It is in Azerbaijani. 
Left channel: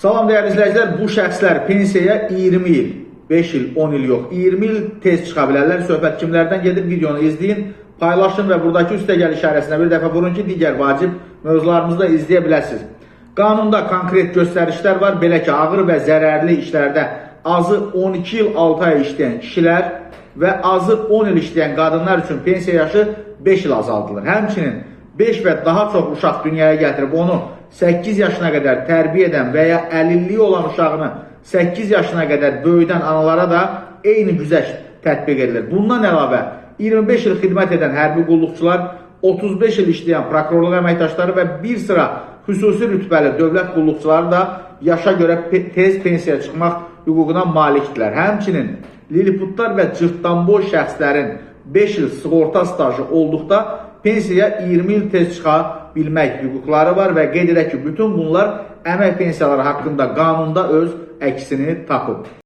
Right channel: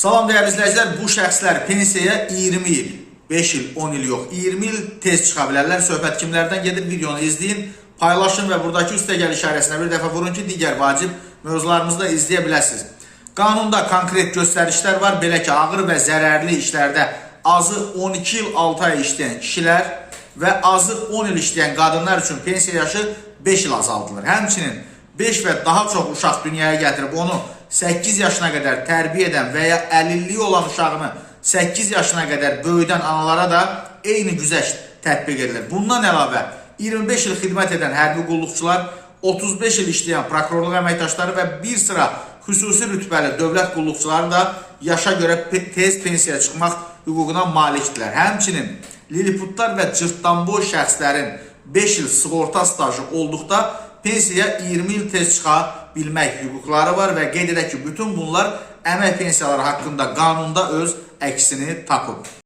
Salam değerli izləyicilər, bu şəxslər pensiyaya 20 il, 5 il, 10 il yox, 20 il tez çıxa bilərlər. Söhbət kimlərdən gedir? Videonu izləyin, paylaşın və buradakı üstəgəl işarəsinə bir dəfə vurun ki, digər vacib mövzularımızı da izləyə biləsiniz. Qanunda konkret göstərişlər var. Belə ki, ağır və zərərli işlərdə azı 12 il 6 ay işləyən kişilər və azı 10 il işləyən qadınlar üçün pensiya yaşı 5 il azaldılır. Həmçinin 5 və daha çox uşaq dünyaya gətirib onu 8 yaşına qədər tərbiyə edən və ya əlilliyi olan uşağını 8 yaşına qədər böyüdən analara da eyni güzəşt tətbiq edilir. Bundan əlavə 25 il xidmət edən hərbi qulluqçular, 35 il işləyən prokurorluq əməkdaşları və bir sıra xüsusi rütbəli dövlət qulluqçuları da yaşa görə tez pensiyaya çıxmaq hüququna malikdirlər. Həmçinin liliputlar və cırtdanboy şəxslərin 5 il sığorta stajı olduqda pensiyaya 20 il tez çıxa bilmək hüquqları var və qeyd edək ki, bütün bunlar əmək pensiyaları haqqında qanunda öz əksini tapıb.